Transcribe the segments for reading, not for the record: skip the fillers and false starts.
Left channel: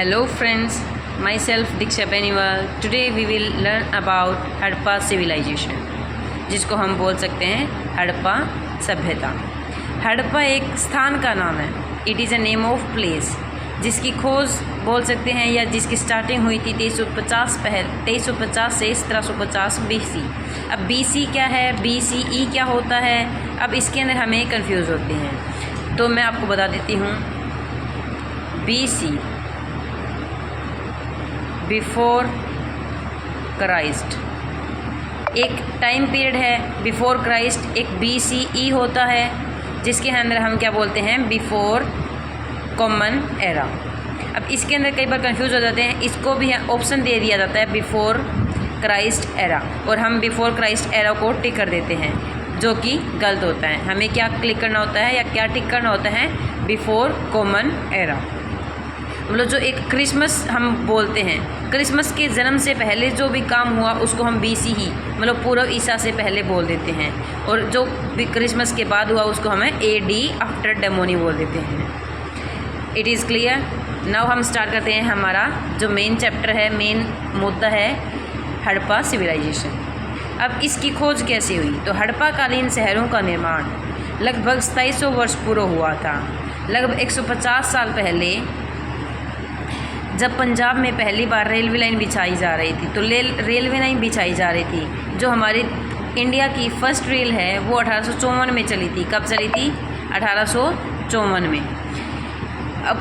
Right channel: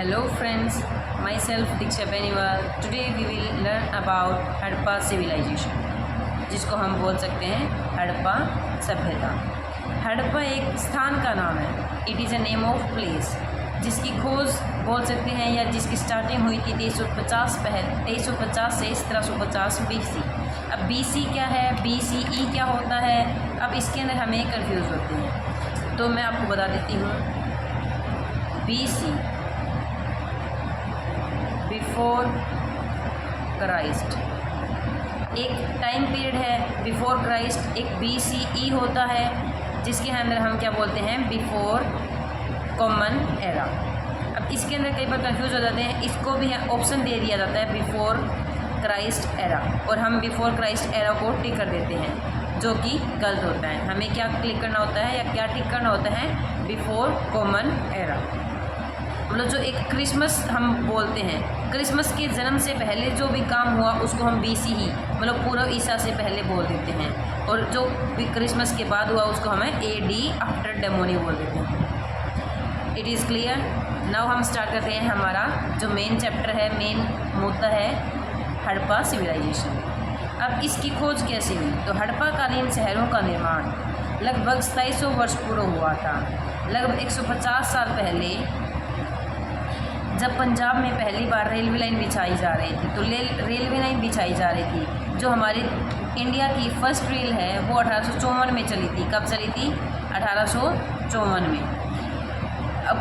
Hello friends, myself Diksha Beniwal. Today we will learn about Harappa civilization, जिसको हम बोल सकते हैं हड़प्पा सभ्यता। हड़प्पा एक स्थान का नाम है। It is a name of place, जिसकी खोज बोल सकते हैं या जिसकी स्टार्टिंग हुई थी 2350 से 1750 BC। अब BC क्या है, BCE क्या होता है, अब इसके अंदर हमें कंफ्यूज होते हैं। तो मैं आपको बता देती हूँ। BC बिफोर क्राइस्ट एक टाइम पीरियड है। बिफोर क्राइस्ट एक BCE होता है, जिसके अंदर हम क्या बोलते हैं, बिफोर कॉमन एरा। अब इसके अंदर कई बार कंफ्यूज हो जाते हैं। इसको भी ऑप्शन दे दिया जाता है बिफोर क्राइस्ट एरा, और हम बिफोर क्राइस्ट एरा को टिक कर देते हैं, जो कि गलत होता है। हमें क्या क्लिक करना होता है या क्या टिक करना होता है, बिफोर कॉमन एरा। मतलब जो एक क्रिसमस हम बोलते हैं, क्रिसमस के जन्म से पहले जो भी काम हुआ उसको हम BCE मतलब पूर्व ईसा से पहले बोल देते हैं, और जो भी क्रिसमस के बाद हुआ उसको हमें AD आफ्टर डेमोनी बोल देते हैं। It is clear. नाउ हम स्टार्ट करते हैं। हमारा जो मेन चैप्टर है, मेन मुद्दा है हड़प्पा सिविलाइजेशन। अब इसकी खोज कैसे हुई, तो हड़प्पा कालीन शहरों का निर्माण लगभग 2700 वर्ष पूर्व हुआ था। लगभग 150 साल पहले जब पंजाब में पहली बार रेलवे लाइन बिछाई जा रही थी, तो रेलवे लाइन बिछाई जा रही थी। जो हमारी इंडिया की फर्स्ट रेल है वो 1854 में चली थी। कब चली थी, 1854 में। अब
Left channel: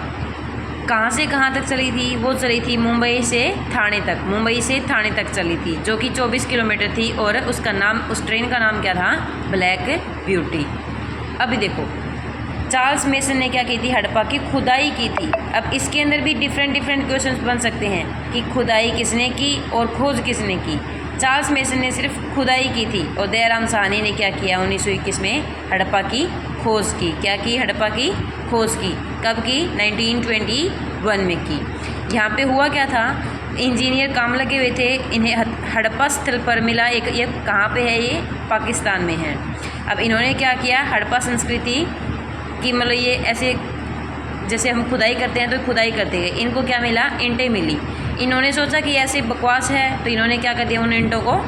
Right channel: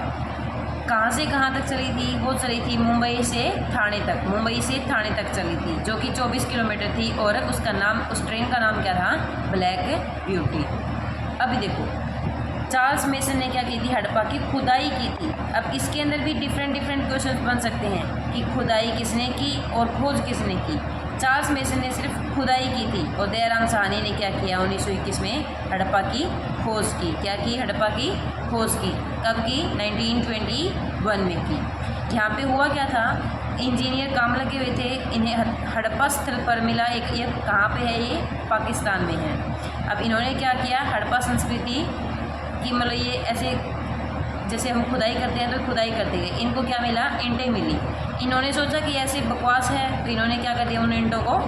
कहाँ से कहाँ तक चली थी, वो चली थी मुंबई से थाने तक। मुंबई से थाने तक चली थी, जो कि 24 किलोमीटर थी, और उसका नाम, उस ट्रेन का नाम क्या था, ब्लैक ब्यूटी। अभी देखो, चार्ल्स मेसन ने क्या की थी, हड़प्पा की खुदाई की थी। अब इसके अंदर भी डिफरेंट क्वेश्चंस बन सकते हैं कि खुदाई किसने की और खोज किसने की। चार्ल्स मेसन ने सिर्फ खुदाई की थी, और दयाराम साहनी ने क्या किया, 1921 में हड़प्पा की खोज की। क्या की, हड़प्पा की खोज की। कब की, 1921 में की। यहाँ पे हुआ क्या था, इंजीनियर काम लगे हुए थे, इन्हें हड़प्पा स्थल पर मिला एक, ये कहाँ पे है, ये पाकिस्तान में है। अब इन्होंने क्या किया, हड़प्पा संस्कृति कि मतलब ये ऐसे जैसे हम खुदाई करते हैं तो खुदाई करते गए, इनको क्या मिला, ईंटें मिली। इन्होंने सोचा कि ऐसे बकवास है, तो इन्होंने क्या कर दिया, उन ईंटों को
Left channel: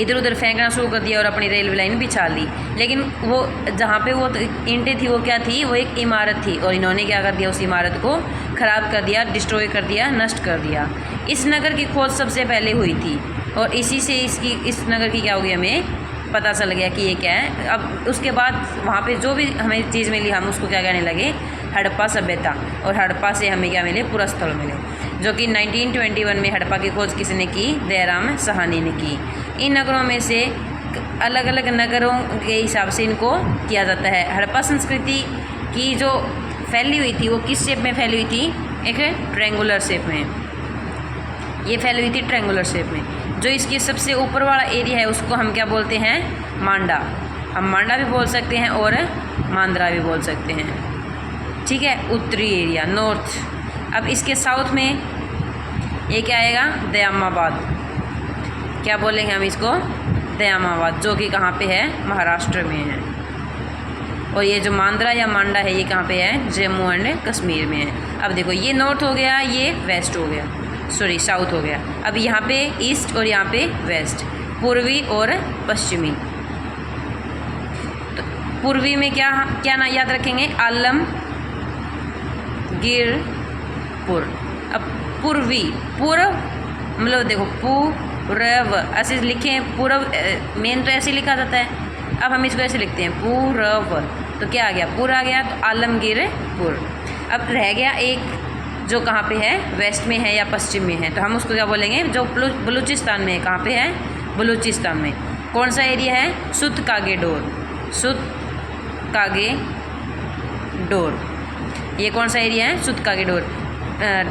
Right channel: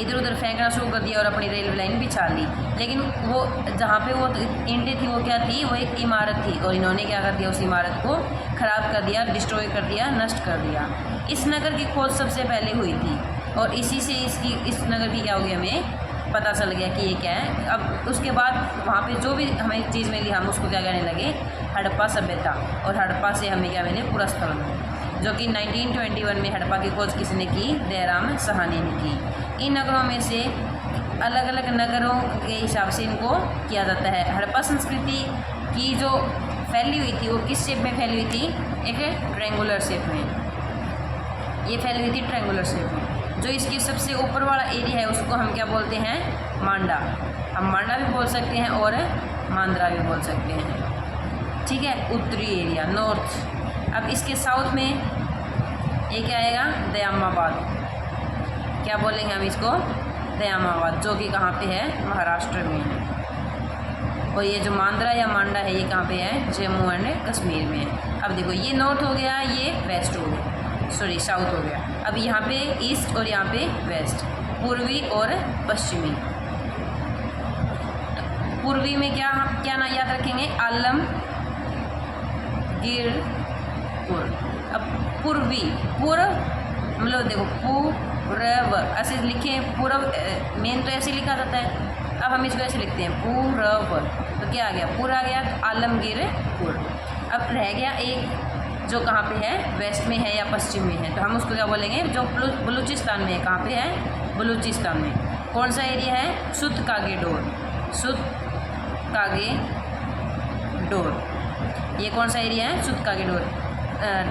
इधर उधर फेंकना शुरू कर दिया और अपनी रेलवे लाइन बिछा ली। लेकिन वो जहाँ पे वो ईंटें थी वो क्या थी, वो एक इमारत थी, और इन्होंने क्या कर दिया, उस इमारत को ख़राब कर दिया, डिस्ट्रॉय कर दिया, नष्ट कर दिया। इस नगर की खोज सबसे पहले हुई थी, और इसी से इस नगर की क्या होगी, हमें पता चल गया कि ये क्या है। अब उसके बाद वहाँ पे जो भी हमें चीज़ मिली, हम उसको क्या कहने लगे, हड़प्पा सभ्यता। और हड़प्पा से हमें क्या मिले, पुरास्थल मिले, जो कि 1921 में हड़प्पा की खोज किसने की, दयाराम साहनी ने की। इन नगरों में से अलग अलग नगरों के हिसाब से इनको किया जाता है। हड़प्पा संस्कृति की जो फैली हुई थी वो किस शेप में फैली हुई थी, एक ट्रायंगुलर शेप में। ये फैली हुई थी ट्रायंगुलर शेप में। जो इसकी सबसे ऊपर वाला एरिया है उसको हम क्या बोलते हैं, मांडा। हम मांडा भी बोल सकते हैं और मांद्रा भी बोल सकते हैं, ठीक है, उत्तरी एरिया, नॉर्थ। अब इसके साउथ में ये क्या आएगा, दयामाबाद। क्या बोलेंगे हम इसको, दयामाबाद, जो कि कहाँ पे है, महाराष्ट्र में है। और ये जो मांद्रा या मांडा है ये कहाँ पे है, जम्मू एंड कश्मीर में है। अब देखो, ये नॉर्थ हो गया, ये वेस्ट हो गया, सॉरी साउथ हो गया। अब यहाँ पे ईस्ट और यहाँ पे वेस्ट, पूर्वी और पश्चिमी। तो पूर्वी में क्या ना याद रखेंगे, आलमगीरपुर। अब पूर्वी, पूर्व मतलब देखो, पूर्व ऐसे लिखें, पूर्व मेन तो ऐसे लिखा जाता है। अब हम इसको ऐसे लिखते हैं, पूर्व, तो क्या आ गया, पूरा आ गया, तो आलमगीरपुर। अब रह गया एक जो कहाँ पे है, वेस्ट में है या पश्चिम में है, तो हम उसको क्या बोलेंगे, जो बलूचिस्तान में है। कहाँ पे है, बलूचिस्तान में। कौन सा एरिया है, सुत कागेडोर। सुत कागेडोर, ये कौन सा एरिया है, सुत कागेडोर।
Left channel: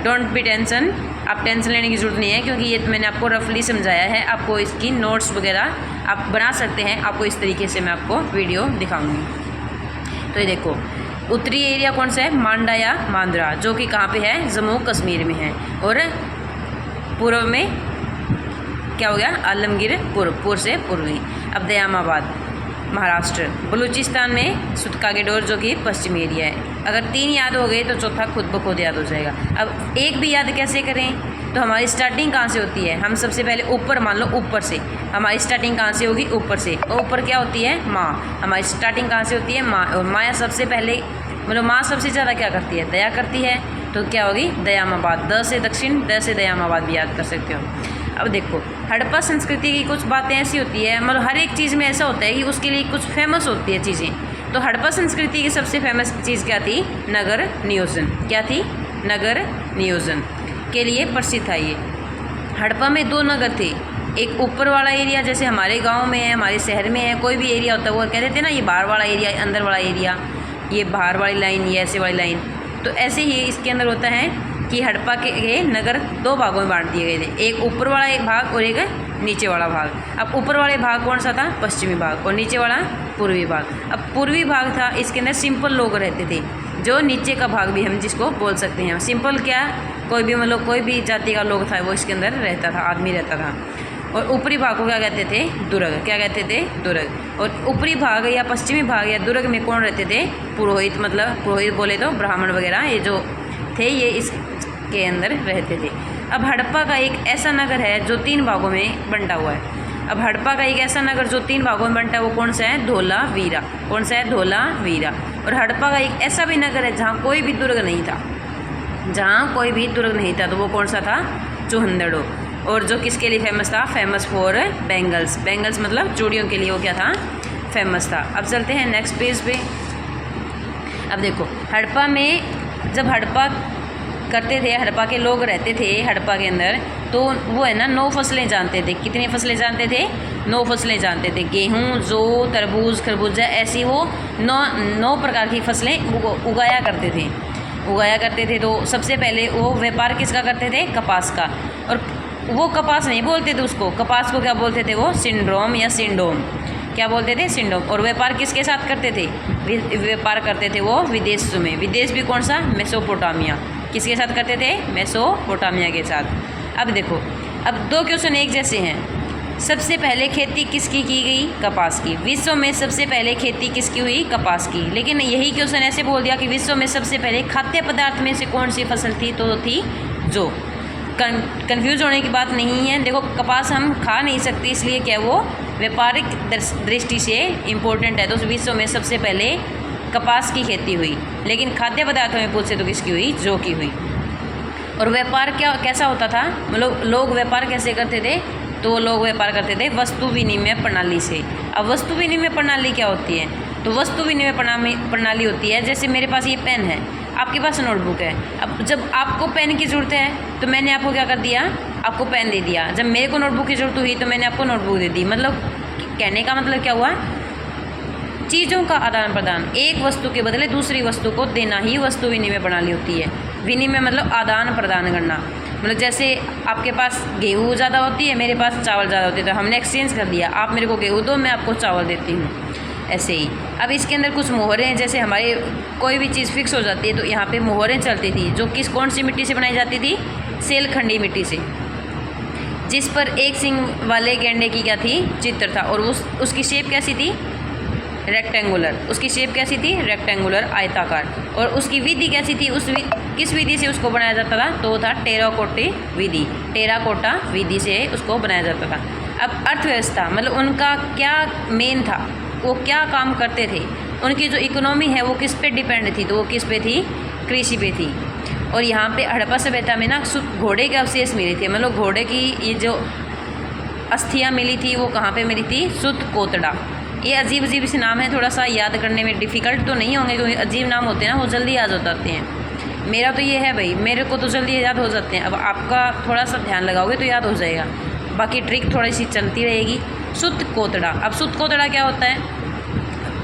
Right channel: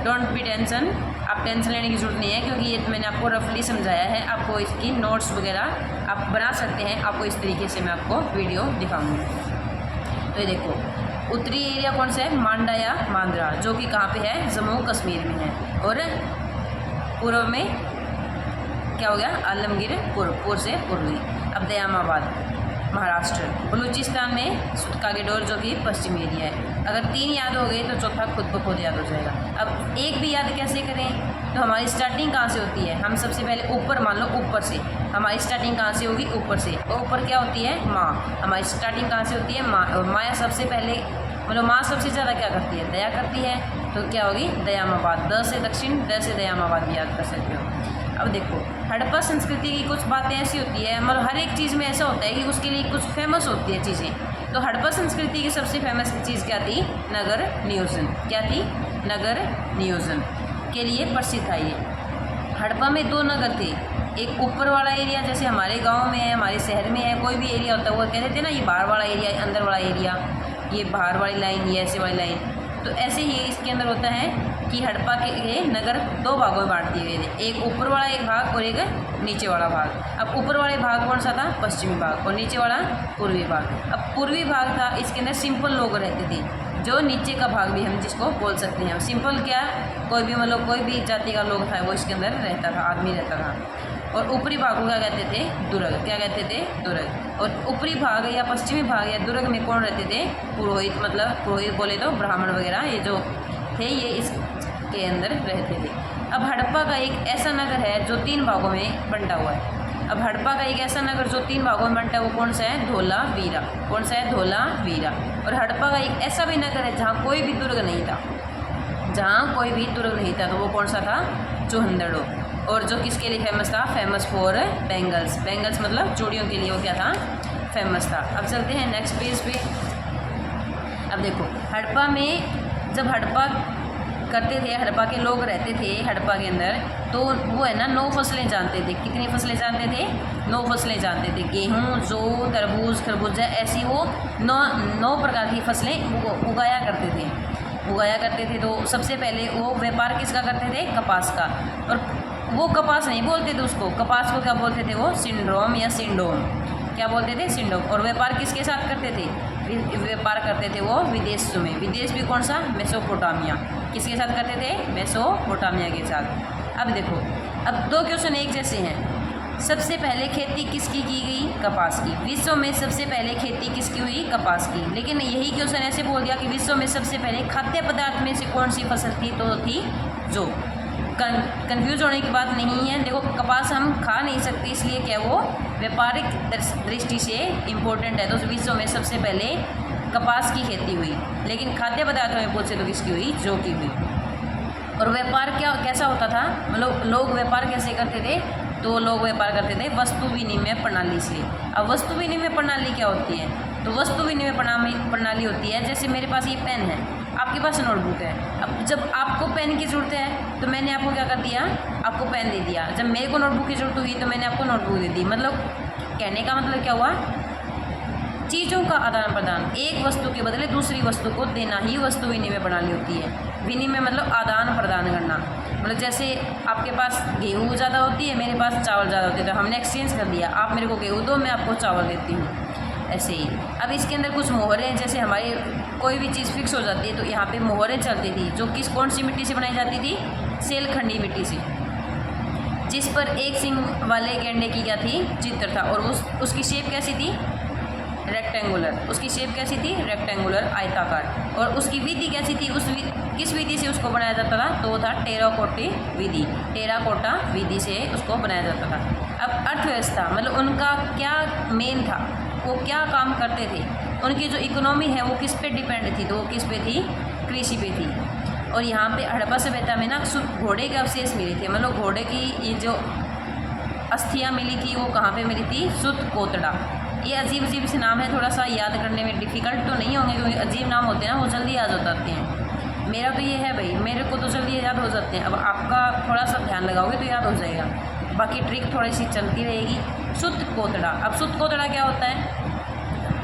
डोंट बी टेंशन, आप टेंशन लेने की ज़रूरत नहीं है, क्योंकि ये तो मैंने आपको रफली समझाया है। आपको इसकी नोट्स वगैरह आप बना सकते हैं, आपको इस तरीके से मैं आपको वीडियो दिखाऊंगी। तो ये देखो, उत्तरी एरिया कौन सा है, मांडा या मांद्रा, जो कि कहाँ पे है, जम्मू कश्मीर में है। और पूर्व में क्या हो गया, आलमगीरपुर, पूर्व से पूर्वी। अब दयामाबाद, महाराष्ट्र। बलूचिस्तान में सुतकागेडोर, जो कि पश्चिमी एरिया है। अगर 3 याद हो गए तो चौथा खुद ब खुद याद हो जाएगा। अब एक भी याद कैसे करें, तो हमारी स्टार्टिंग कहाँ से होती है, हम सबसे पहले ऊपर मान लो, ऊपर से हमारी स्टार्टिंग कहाँ से होगी, ऊपर से। और ऊपर क्या होती है, माँ। हमारी स्टार्टिंग कहाँ से होती है, माँ। और माया सबसे पहले मतलब माँ सबसे ज़्यादा क्या करती है, दया करती है, तो क्या होगी, दयामाबाद। द से दक्षिण, द से दयामाबाद भी याद कर सकते हो। अब देखो हड़प्पा संस्कृति की कुछ बातें ऐसी होती है, मतलब हर एक चीज़ में ऐसा होता है कि उसके लिए कुछ फेमस होती है चीज़ें। तो हड़प्पा संस्कृति की सबसे फेमस चीज़ क्या थी, नगर नियोजन। क्या थी, नगर नियोजन के लिए प्रसिद्ध था ये। हड़प्पा में 2 नगर थे, एक ऊपर वाला एरिया जैसे हमारे गांव में है, हमारे शहर में है, कोई भी एरिया होता है वो कहते थे ना, ये बाहर वाला एरिया, अंदर वाला एरिया, ये बाहर वाली लाइन, ये ऐसे वाली लाइन। तो ऐसे ही इसके अंदर होता है कि हड़प्पा के नगर 2 भागों में बांट दिए गए थे, एक ऊपर वाला एक भाग और एक नीचे वाला भाग। अब ऊपर वाले भाग कौन सा था, पश्चिमी भाग, और नीचे वाला पूर्वी भाग। अब पूर्वी भाग था, इसके अंदर सिंपल लोग रहते थे, जो नीचे का भाग भी हम जिसको बोल सकते हैं सिंपल, क्या कोई भी मतलब कोई भी जाति का लोग था वो इसके अंदर रहता था, आदमी रहता था। और ऊपरी भाग को क्या कहते थे, दुर्ग। क्या कहते थे, दुर्ग। और ऊपरी भाग या पश्चिमी भाग या दुर्ग में कौन रहते थे, पुरोहित। मतलब पुरोहित बोले तो ब्राह्मण वगैरह ये जो थे, ये इसके अंदर रहते थे। अब हड़प्पा का एक ऐसा नगर है जो 3 भागों में बंटा हुआ है। अब हड़प्पा का एक ऐसा नगर जो 3 भागों में बंटा है वो कौन सा है, धोलावीरा। कौन सा है, धोलावीरा। और हड़प्पा का एक ऐसा भी नगर है जहाँ कोई भी दुर्ग नहीं था, जहाँ कोई भी दुर्ग नहीं था, तो वो कौन सा था, चूहंदड़ो। और जो किसके लिए फेमस था, फेमस फॉर बैंगल्स। बैंगल्स मतलब चूड़ियों के लिए वो क्या था, फेमस था। अब चलते हैं नेक्स्ट पेज पे। अब देखो हड़प्पा में जब हड़प्पा करते थे, हड़प्पा के लोग रहते थे हड़प्पा के अंदर, तो वो है ना 9 फसलें जानते थे। कितनी फसलें जानते थे, 9 फसलें जानते थे। गेहूँ, जौ, तरबूज, खरबूजा, ऐसी वो 9 प्रकार की फसलें उगाया करते थे। तो सबसे पहले वो व्यापार किसका करते थे, कपास का। और वो कपास नहीं बोलते थे उसको, कपास को क्या बोलते थे, वो सिंड्रोम या सिंडोम। क्या बोलते थे, सिंडोम। और व्यापार किसके साथ करते थे, व्यापार करते थे वो विदेशों में। विदेश भी कौन सा, मेसोपोटामिया। किसके साथ करते थे, मेसोपोटामिया के साथ। अब देखो अब 2 क्वेश्चन एक जैसे हैं। सबसे पहले खेती किसकी की गई, कपास की। विश्व में सबसे पहले खेती किसकी हुई, कपास की। लेकिन यही क्वेश्चन ऐसे बोल दिया कि विश्व में सबसे पहले खाद्य पदार्थ में से कौन सी फसल थी, तो थी जौ। कंफ्यूज होने की बात नहीं है। देखो कपास हम खा नहीं सकते, इसलिए क्या वो व्यापारिक दृष्टि से इम्पोर्टेंट है। तो विश्व में सबसे पहले कपास की खेती हुई। लेकिन खाद्य पदार्थों में पूछे तो किसकी हुई, जौ की हुई। और व्यापार कैसा होता था, मतलब लोग व्यापार कैसे करते थे, तो लोग व्यापार करते थे वस्तु विनिमय प्रणाली से। अब वस्तु विनिमय प्रणाली क्या होती है, तो वस्तु विनिमय प्रणाली होती है, जैसे मेरे पास ये पेन है, आपके पास नोटबुक है। अब जब आपको पेन की ज़रूरत है तो मैंने आपको क्या कर दिया, आपको पेन दे दिया। जब मेरे को नोटबुक की ज़रूरत हुई तो मैंने आपको नोटबुक दे दी। मतलब कहने का मतलब क्या हुआ, चीज़ों का आदान प्रदान, एक वस्तु के बदले दूसरी वस्तु को देना ही वस्तु विनिमय प्रणाली होती है। विनिमय मतलब आदान प्रदान करना। मतलब जैसे आपके पास गेहूँ ज़्यादा होती है, मेरे पास चावल ज़्यादा होती है, तो हमने एक्सचेंज कर दिया, आप मेरे को गेहूँ दो, मैं आपको चावल देती हूँ, ऐसे ही। अब इसके अंदर कुछ मोहरें, जैसे हमारे कोई भी चीज़ फिक्स हो जाती है तो यहाँ पे मोहरें चलती थी, जो कौन सी मिट्टी से बनाई जाती थी, सेलखंडी मिट्टी से, जिस पर एक सिंग वाले गैंडे की क्या थी, चित्र था। और उसकी शेप कैसी थी, रेक्टेंगुलर। उसकी शेप कैसी थी, रेक्टेंगुलर, आयताकार। और उसकी विधि कैसी थी, किस विधि से उसको बनाया जाता था, तो वो था टेराकोटा विधि। टेराकोटा विधि से उसको बनाया जाता था। अब अर्थव्यवस्था मतलब उनका क्या मेन था, वो क्या काम करते थे, उनकी जो इकोनॉमी है वो किस पे डिपेंड थी, तो वो किस पे थी, कृषि पे थी। और यहाँ पे हड़प्पा सभ्यता में ना घोड़े के अवशेष मिले थे, मतलब घोड़े की ये जो अस्थियाँ मिली थी वो कहाँ पे मिली थी, सुतकोतड़ा। ये अजीब अजीब से नाम है, थोड़ा सा याद करने में डिफ़िकल्ट तो नहीं होंगे, क्योंकि अजीब नाम होते हैं ना वो जल्दी याद हो जाते हैं। मेरा तो ये है भाई, मेरे को तो जल्दी याद हो जाते हैं। अब आपका थोड़ा सा ध्यान लगाओगे तो याद हो जाएगा, बाकी ट्रिक थोड़ी सी चलती रहेगी। सुतकोतड़ा। अब सुतकोतड़ा क्या होता है,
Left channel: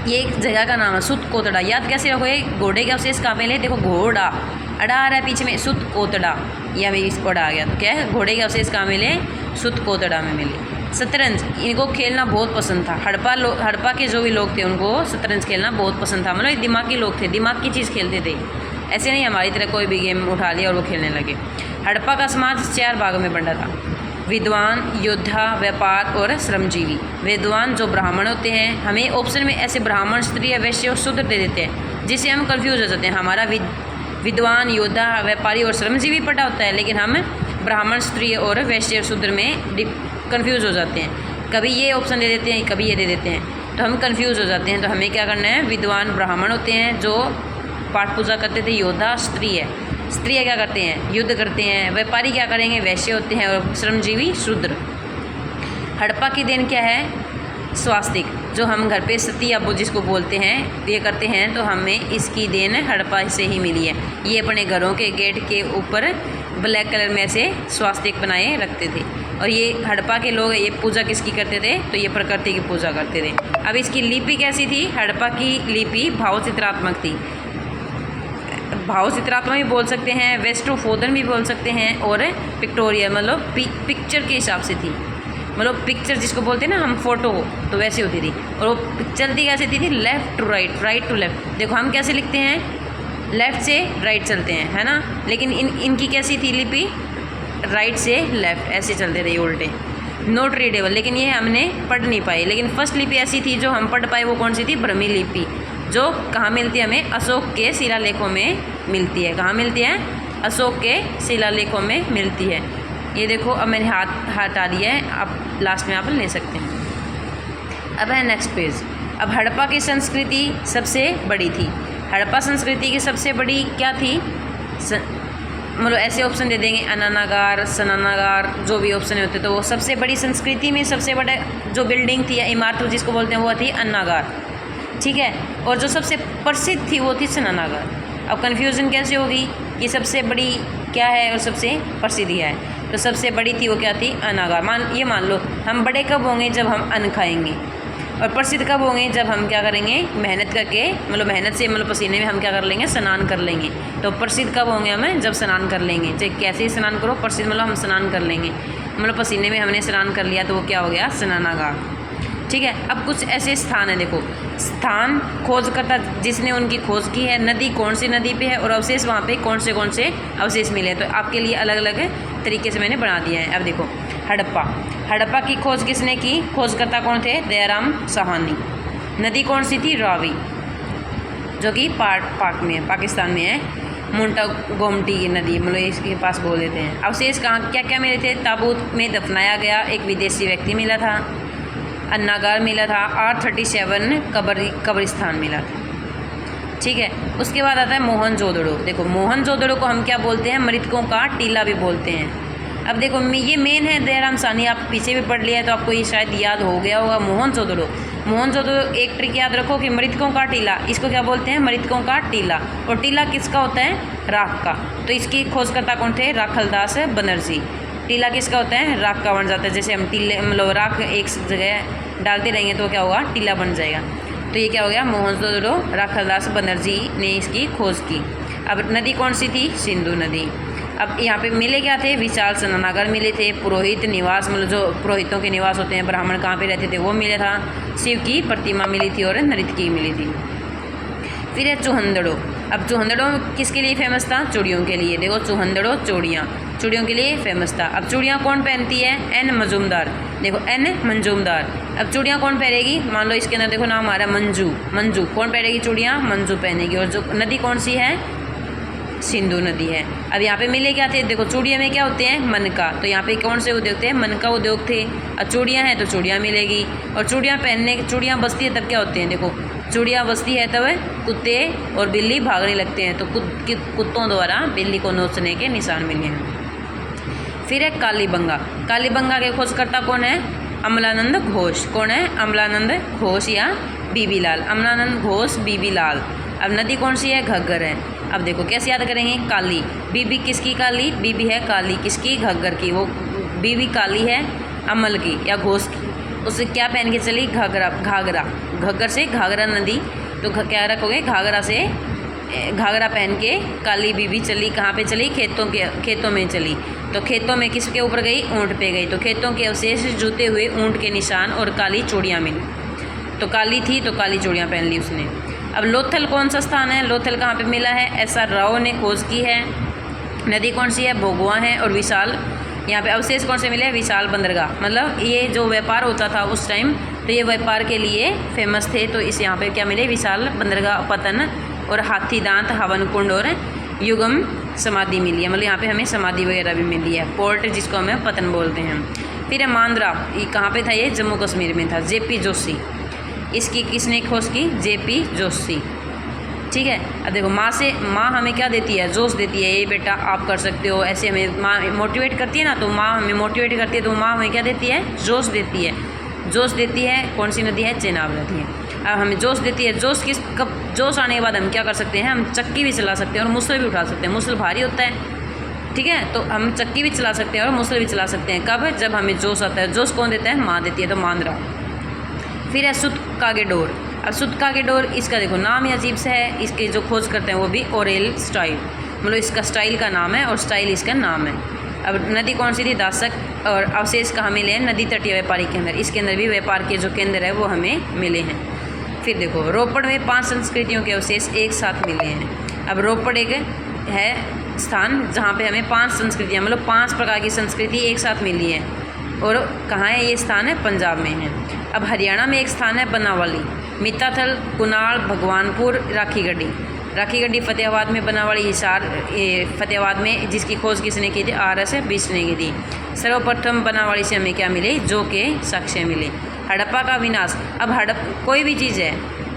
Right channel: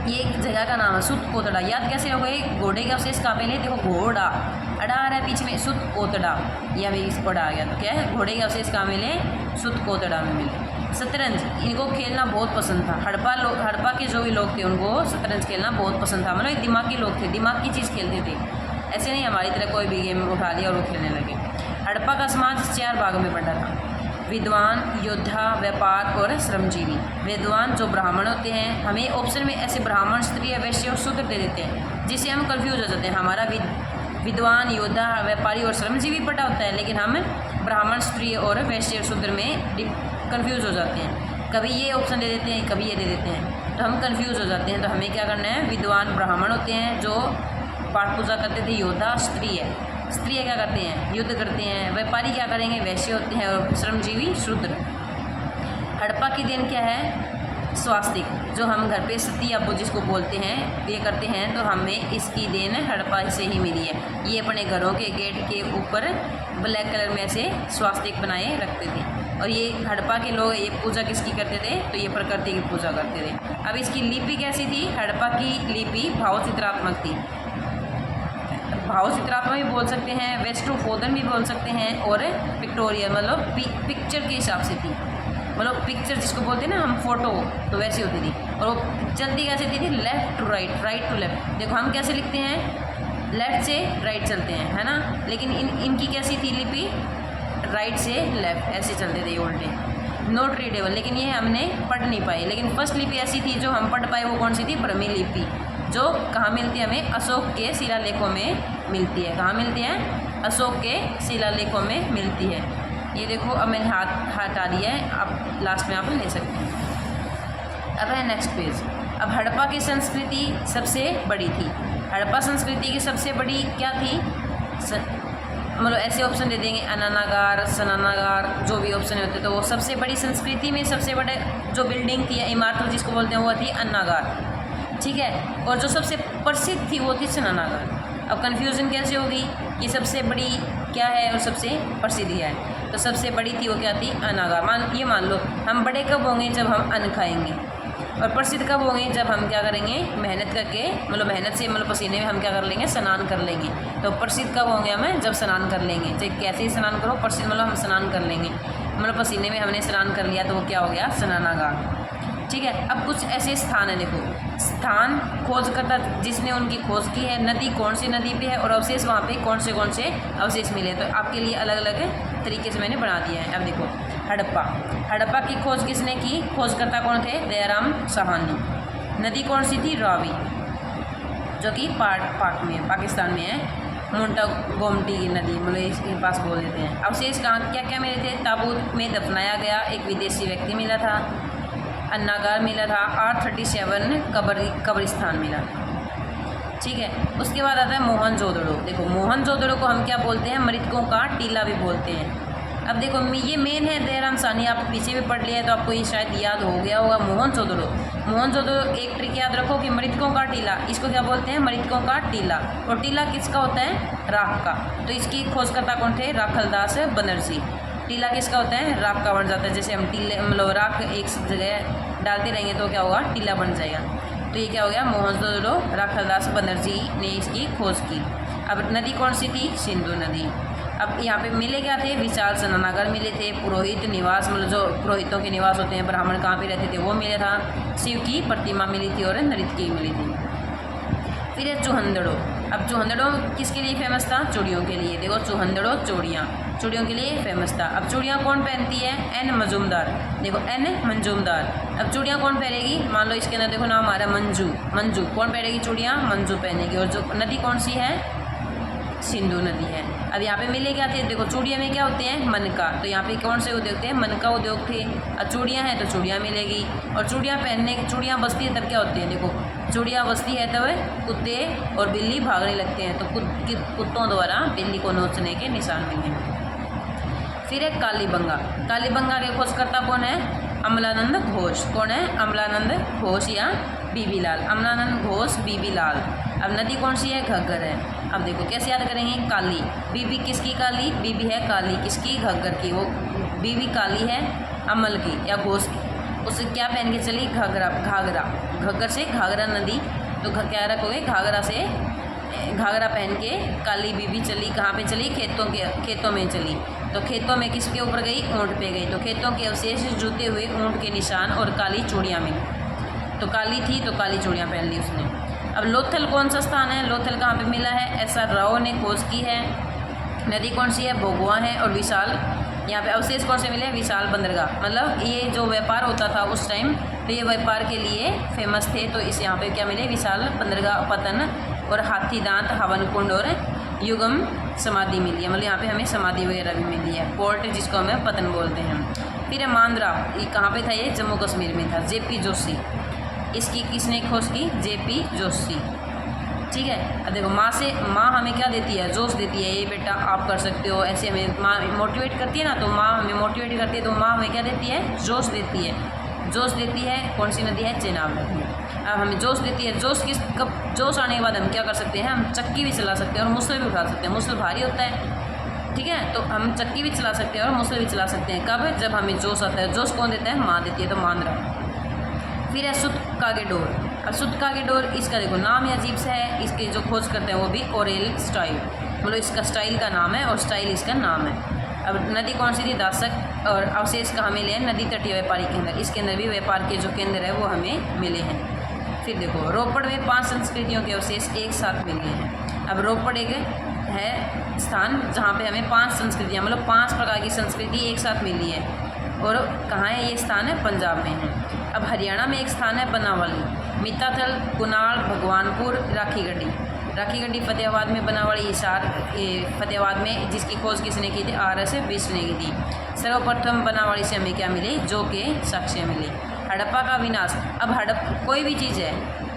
ये एक जगह का नाम है, सुतकोतड़ा। याद कैसे रखोगे, घोड़े के अवशेष कहाँ मिले, देखो घोड़ा, अड़ा आ रहा है पीछे में, सुतकोतड़ा, या भाई इसको अड़ा आ गया, तो क्या है, घोड़े के अवशेष कहाँ मिले, सुतकोतड़ा में मिले। शतरंज, इनको खेलना बहुत पसंद था। हड़प्पा के जो भी लोग थे उनको शतरंज खेलना बहुत पसंद था। मतलब दिमागी लोग थे, दिमाग की चीज़ खेलते थे, ऐसे नहीं हमारी तरह कोई भी गेम उठा लिया और वो खेलने लगे। हड़प्पा का समाज 4 भागों में बंटा था, विद्वान, योद्धा, व्यापार और श्रमजीवी। विद्वान जो ब्राह्मण होते हैं, हमें ऑप्शन में ऐसे ब्राह्मण, स्त्री, वैश्य और शूद्र दे देते हैं। जिससे हम कंफ्यूज हो जाते हैं। हमारा विद्वान, योद्धा, व्यापारी और श्रमजीवी पढ़ा होता है, लेकिन हम ब्राह्मण, स्त्री और वैश्य शूद्र में कंफ्यूज हो जाते हैं। कभी ये ऑप्शन दे देते हैं, कभी ये दे देते हैं, तो हम कंफ्यूज हो जाते हैं। तो हमें क्या करना है, विद्वान ब्राह्मण होते हैं जो पाठ पूजा करते थे, योद्धा स्त्री है, स्त्रियाँ क्या करते हैं, युद्ध करते हैं, व्यापारी क्या करेंगे, वैश्य होते हैं, और श्रमजीवी शूद्र। हड़प्पा की देन क्या है, स्वास्तिक, जो हम घर पे सती अबू जिसको बोलते हैं ये करते हैं, तो हमें इसकी देन हड़प्पा से ही मिली है। ये अपने घरों के गेट के ऊपर ब्लैक कलर में ऐसे स्वास्तिक बनाए रखते थे। और ये हड़प्पा के लोग ये पूजा किसकी करते थे, तो ये प्रकृति की पूजा करते थे। अब इसकी लिपि कैसी थी, हड़प्पा की लिपि भाव चित्रात्मक थी। भाव चित्रात्मक भी बोल सकते हैं, वेस्टोफोदन भी बोल सकते हैं, और पिक्टोरियल मतलब पिक्चर के हिसाब से थी। मतलब पिक्चर जिसको बोलते हैं ना हम, फोटो, तो वैसी होती थी। और वो चलती कैसे थी, left to right, right to left. देखो हम कैसे लिखते हैं, लेफ़्ट से राइट चलते हैं, है ना, लेकिन इनकी कैसी थी लिपि, राइट से लेफ़्ट ऐसे चलते थे उल्टे, नोट रीडेबल। लेकिन ये हमने पढ़ नहीं पाई। लेकिन फर्स्ट लिपि ऐसी थी जो हम पढ़ पाए, वो कौन सी थी, ब्रह्मी लिपि, जो कहाँ मिलती है हमें, अशोक के शिलालेखों में मिलती है। कहाँ मिलती है, अशोक के शिलालेखों में मिलती है। ये देखो अब मैंने हाथ हटा लिया है, अब लास्ट में आप ले सकते हैं। अब है नेक्स्ट पेज। अब हड़प्पा की संस्कृति सबसे बड़ी थी। हड़प्पा संस्कृति की सबसे बड़ी क्या थी, मतलब ऐसे ऑप्शन दे देंगे, अनानागार, सनानागार, जो भी ऑप्शन होते तो वो सबसे बड़ी संस्कृति में सबसे बड़ा जो बिल्डिंग थी या इमारत जिसको बोलते हैं वो थी अन्नागार, ठीक है। और जो सबसे प्रसिद्ध थी वो थी सनानागार। अब कन्फ्यूज़न कैसे होगी कि सबसे बड़ी क्या है और सबसे प्रसिद्ध क्या है, तो सबसे बड़ी थी वो क्या थी, अनागार। मान लो हम बड़े कब होंगे, जब हम अन्न खाएंगे, और प्रसिद्ध कब होंगे, जब हम क्या करेंगे, मेहनत करके, मतलब मेहनत से मतलब पसीने में हम क्या कर लेंगे, स्नान कर लेंगे। तो प्रसिद्ध कब होंगे हमें, जब स्नान कर लेंगे। चाहे कैसे ही स्नान करो, प्रसिद्ध मतलब हम स्नान कर लेंगे, मतलब पसीने में हमने स्नान कर लिया, तो वो क्या हो गया, स्नानागार, ठीक है। अब कुछ ऐसे स्थान है, देखो स्थान खोजकर्ता जिसने उनकी खोज की है, नदी कौन सी नदी पे है, और अवशेष वहाँ पे कौन से अवशेष मिले, तो आपके लिए अलग अलग तरीके से मैंने बना दिया है। अब देखो हड़प्पा की खोज किसने की, खोजकर्ता कौन थे, दयाराम साहनी। नदी कौन सी थी, रावी, जो कि पाक में पाकिस्तान में है, मुंटा गोमती की नदी, मतलब इसके पास बोल देते हैं। अवशेष कहाँ क्या क्या मिले थे, ताबूत में दफनाया गया एक विदेशी व्यक्ति मिला था, अन्नागार मिला था, R37 कब्रिस्तान मिला था, ठीक है। उसके बाद आता है मोहनजोदड़ो। देखो मोहनजोदड़ो को हम क्या बोलते हैं, मृतकों का टीला भी बोलते हैं। अब देखो ये मेन है, दयाराम साहनी, आप पीछे भी पढ़ लिया है तो आपको ये शायद याद हो गया होगा। मोहनजोदड़ो एक ट्रिक याद रखो कि मृतकों का टीला, इसको क्या बोलते हैं, मृतकों का टीला। और टीला किसका होता है, राख का। तो इसकी खोजकर्ता कौन थे, राखलदास बनर्जी। टीला किसका होता है, राख का बन जाता है। जैसे हम टीले मतलब राख एक जगह डालते रहेंगे तो क्या होगा, टीला बन जाएगा। तो ये क्या हो गया, मोहनजोदड़ो, राखलदास बनर्जी ने इसकी खोज की। अब नदी कौन सी थी, सिंधु नदी। अब यहाँ पे मिले क्या थे, विशाल स्नानागार मिले थे, पुरोहित निवास, मतलब जो पुरोहितों के निवास होते हैं, ब्राह्मण कहाँ पे रहते थे वो मिले था, शिव की प्रतिमा मिली थी, और नृत्य मिली थी। फिर है चौहंदड़ो। अब चौहंदड़ो किसके लिए फेमस था, चूड़ियों के लिए। देखो चौहंदड़ो चूड़ियों के लिए फेमस था। अब चूड़ियाँ कौन पहनती है, एन मजूमदार। देखो एन मंजूमदार। अब चूड़ियाँ कौन पहनेगी, मान लो इसके अंदर देखो नाम आ रहा है मंजू कौन पहनेगी चूड़ियाँ, मंजू पहनेगी। और जो नदी कौन सी है, सिंधु नदी है। अब यहाँ पे मिले क्या थे, देखो चूड़ियाँ में क्या होते हैं, मनका, तो यहाँ पे कौन से उद्योग थे, मनका उद्योग थे। अब चूड़ियाँ हैं तो चूड़ियाँ मिलेगी, और चूड़ियाँ बजती है तब क्या होते हैं, देखो चूड़ियाँ बजती है तब कुत्ते और बिल्ली भागने लगते हैं, तो कुत्तों द्वारा बिल्ली को नोचने के निशान मिले हैं। फिर है कालीबंगा के खोजकर्ता कौन है, अमलानंद घोष। कौन है, अमलानंद घोष या बीबी लाल, अमलानंद घोष, बीबी लाल। अब नदी कौन सी है, घग्गर है। अब देखो कैसे याद करेंगे, काली, बीबी किसकी, काली, बीबी है काली किसकी, घग्गर की। वो बीबी काली है अमल की या घोष की। उससे क्या पहन के चली, घाघरा, घग्गर से घाघरा नदी, तो क्या रखोगे, घाघरा पहन के काली बीबी चली, कहाँ पे चली, खेतों में चली। तो खेतों में किसके ऊपर गई, ऊँट पे गई। तो खेतों के अवशेष जूते हुए ऊँट के निशान और काली चूड़ियाँ मिली। तो काली थी तो काली चूड़ियाँ पहन ली उसने। अब लोथल कौन सा स्थान है, लोथल कहाँ पे मिला है, SR राव ने खोज की है। नदी कौन सी है, भोगवा है। और विशाल, यहाँ पे अवशेष कौन से मिले, विशाल बंदरगाह, मतलब ये जो व्यापार होता था उस टाइम, तो ये व्यापार के लिए फेमस थे। तो इस यहाँ पे क्या मिले, विशाल बंदरगाह, पतन और हाथी दांत, हवन कुंड और युगम समाधि मिली है, मतलब यहाँ पे हमें समाधि वगैरह भी मिली है। पोर्ट जिसको हमें पतन बोलते हैं। फिर है मांद्रा, ये कहाँ पे था? ये जम्मू कश्मीर में था। जेपी जोशी, इसकी किसने खोज की? जेपी जोशी। ठीक है। अब देखो माँ हमें क्या देती है? जोश देती है, ये बेटा आप कर सकते हो, ऐसे हमें माँ मोटिवेट करती है ना, तो माँ हमें मोटिवेट करती है, तो माँ हमें क्या देती है? जोश देती है। जोश देती है कौन सी नदी है? चेनाब नदी है। अब हमें जोश देती है, कब जोश आने के बाद हम क्या कर सकते हैं? हम चक्की भी चला सकते हैं और मुसल भी उठा सकते हैं। मुसल भारी होता है, ठीक है, तो हम चक्की भी चला सकते हैं और मुसल भी चला सकते हैं। कब? जब हमें जोश आता है। जोश कौन देता है? माँ देती है, तो मांद्रा। फिर है सुतकागेडोर। अब सुतकागेडोर, इसका देखो नाम ही अजीब सा है, इसके जो खोज करते हैं वो भी ओरेल स्टाइल, मतलब इसका स्टाइल का नाम है और स्टाइल इसका नाम है। अब नदी कौन सी थी? दासक। और अवशेष कहाँ मिले हैं? नदी तटीय व्यापारी केंद्र, इसके अंदर भी व्यापार के जो केंद्र है वो हमें मिले हैं। फिर देखो रोपड़ में 5 संस्कृतियों के अवशेष एक साथ मिले हैं। अब रोपड़ एक है स्थान जहाँ पे हमें 5 संस्कृतियाँ, मतलब 5 प्रकार की संस्कृति एक साथ मिली है। और कहाँ है ये स्थान? है पंजाब में है। अब हरियाणा में एक स्थान है बनावाली, मिताथल, कुनाल, भगवानपुर, राखीगढ़ी फतेहाबाद में, बनावाली हिसार फतेहाबाद में, जिसकी खोज किसने की थी? RS बिष्ट ने की थी। सर्वप्रथम बनावाली से हमें क्या मिले? जो के साक्ष्य मिले। हड़प्पा का विनाश। अब कोई भी चीज़ है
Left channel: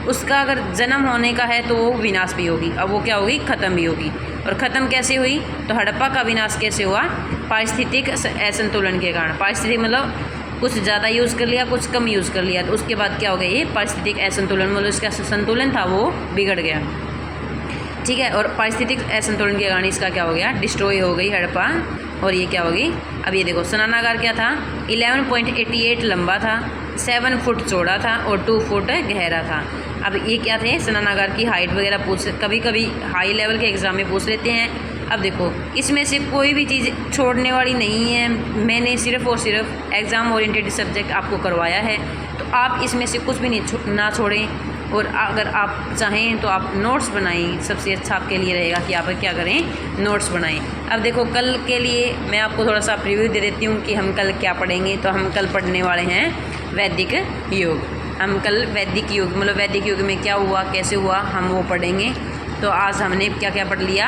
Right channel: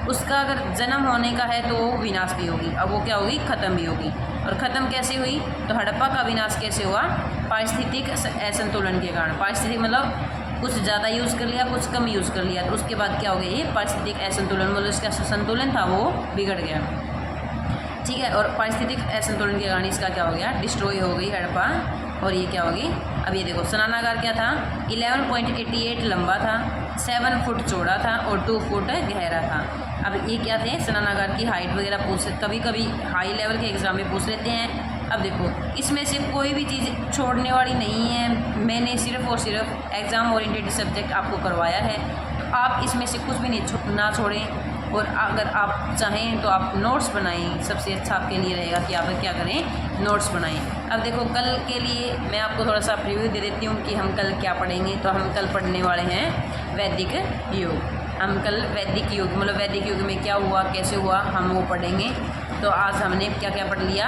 उसका अगर जन्म होने का है तो वो विनाश भी होगी, अब वो क्या होगी? ख़त्म भी होगी। और ख़त्म कैसे हुई? तो हड़प्पा का विनाश कैसे हुआ? पारिस्थितिक असंतुलन के कारण। पारिस्थितिक मतलब कुछ ज़्यादा यूज़ कर लिया, कुछ कम यूज़ कर लिया, तो उसके बाद क्या हो गया? ये पारिस्थितिक असंतुलन, मतलब इसका संतुलन था वो बिगड़ गया। ठीक है, और पारिस्थितिक असंतुलन के कारण इसका क्या हो गया? डिस्ट्रॉय हो गई हड़प्पा। और ये क्या होगी? अब ये देखो स्नानागार क्या था? 11.88 लंबा था, 7 फुट चौड़ा था और 2 फुट गहरा था। अब ये क्या थे? स्नानागार की हाइट वगैरह कभी कभी हाई लेवल के एग्ज़ाम में पूछ लेते हैं। अब देखो इसमें से कोई भी चीज़ छोड़ने वाली नहीं है, मैंने सिर्फ और सिर्फ एग्ज़ाम ओरिएंटेड सब्जेक्ट आपको करवाया है, तो आप इसमें से कुछ भी ना छोड़ें। और अगर आप चाहें तो आप नोट्स बनाएं, सबसे अच्छा आपके लिए रहेगा कि आप क्या करें? नोट्स बनाएं। अब देखो कल के लिए मैं आपको थोड़ा सा प्रीव्यू दे देती हूँ कि हम कल क्या पढ़ेंगे। तो हम कल पढ़ने वाले हैं वैदिक युग। हम कल वैदिक युग, मतलब वैदिक युग में क्या हुआ, कैसे हुआ, हम वो पढ़ेंगे। तो आज हमने क्या क्या पढ़ लिया?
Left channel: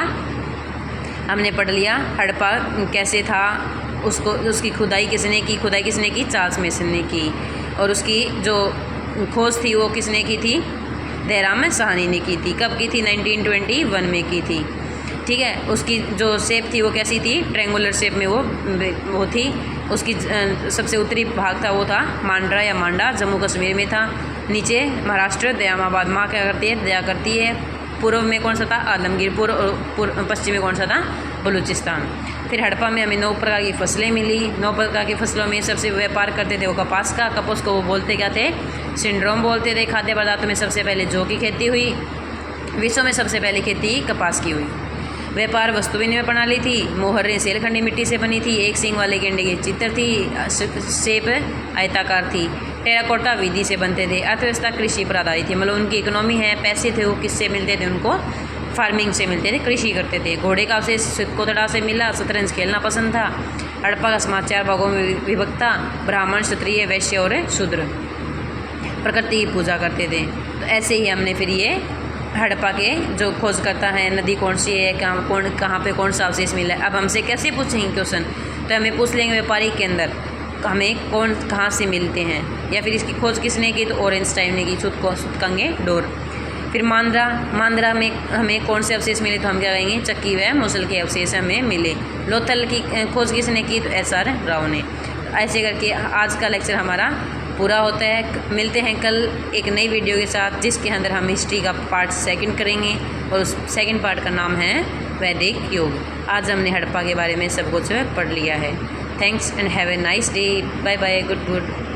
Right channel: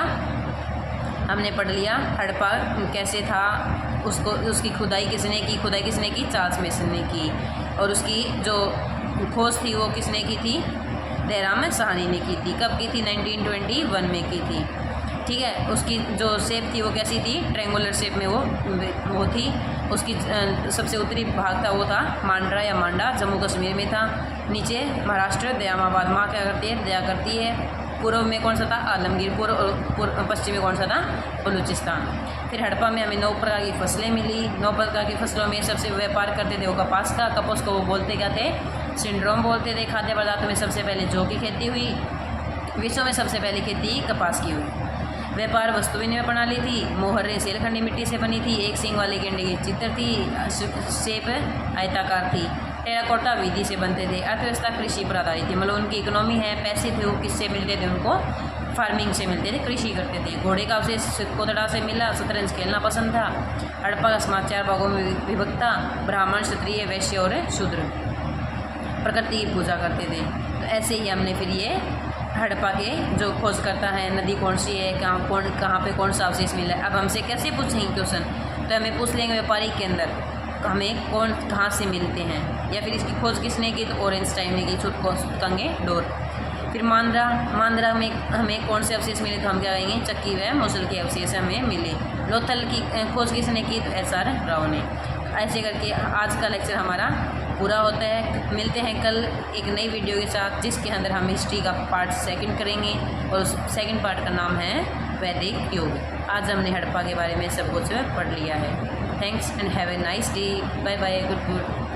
हमने पढ़ लिया हड़प्पा कैसे था, उसकी खुदाई किसने की? चार्ल्स मेसन ने की। और उसकी जो खोज थी वो किसने की थी? देहराम साहनी ने की थी। कब की थी? 1921 में की थी। ठीक है, उसकी जो शेप थी वो कैसी थी? ट्रायंगुलर शेप में वो थी। उसकी सबसे उत्तरी भाग था वो था मांड्रा या मांडा, जम्मू कश्मीर में था। नीचे महाराष्ट्र दयामाबाद, माँ क्या करती है? दया करती है। पूर्व में कौन सा था? आलमगीरपुर। और पश्चिम में कौन सा था? बलूचिस्तान। फिर हड़प्पा में हमें 9 प्रकार की फसलें मिली। 9 प्रकार की फसलों में सबसे व्यापार करते थे वो कपास का। कपास को वो बोलते क्या थे? सिंड्रोम बोलते थे। खाद्य पदार्थों में सबसे पहले जौ की खेती हुई। विश्व में सबसे पहले खेती कपास की हुई। व्यापार वस्तु विनिमय प्रणाली थी। मोहरें सेलखंडी मिट्टी से बनी थी। एक सींग वाले गेंडे की चित्र थी। शेप आयताकार थी। टेराकोटा विधि से बनते थे। अर्थव्यवस्था कृषि पर आधारित थी, मतलब उनकी इकोनॉमी है। पैसे थे वो किससे मिलते थे? उनको फार्मिंग से मिलते थे, कृषि करते थे। घोड़े का अवशेष कोतड़ा से मिला। शतरंज खेलना पसंद था। हड़प्पा का समाज 4 भागों में विभक्त था। ब्राह्मण, क्षत्रिय, वैश्य और शूद्र प्रकृति की पूजा करते थे। तो ऐसे ही हमने फिर ये हड़प्पा के जो खोज करता है नदी कौन सी है, कहाँ पे कौन सा अवशेष मिला है। अब हमसे कैसे पूछेंगे क्वेश्चन? तो हमें पूछ लेंगे व्यापारी के अंदर हमें कहाँ से मिलते हैं, या फिर इसकी खोज किसने की? तो ओरेंस्टाइन ने की, सुतकागेडोर। फिर मांद्रा में हमें कौन से अवशेष मिले? तो हम क्या कहेंगे? चक्की व मुसल के अवशेष हमें मिले। लोथल की खोज किसने की? तो SR राव ने। ऐसे करके आज का लेक्चर हमारा पूरा होता है। मिलते हैं कल एक नई वीडियो के साथ, जिसके अंदर हम हिस्ट्री का पार्ट 2 करेंगे और उस 2nd पार्ट का नाम है वैदिक युग। आज हमने हड़प्पा के बारे में सब कुछ पढ़ लिया है। Thanks and have a nice day. Bye bye, good.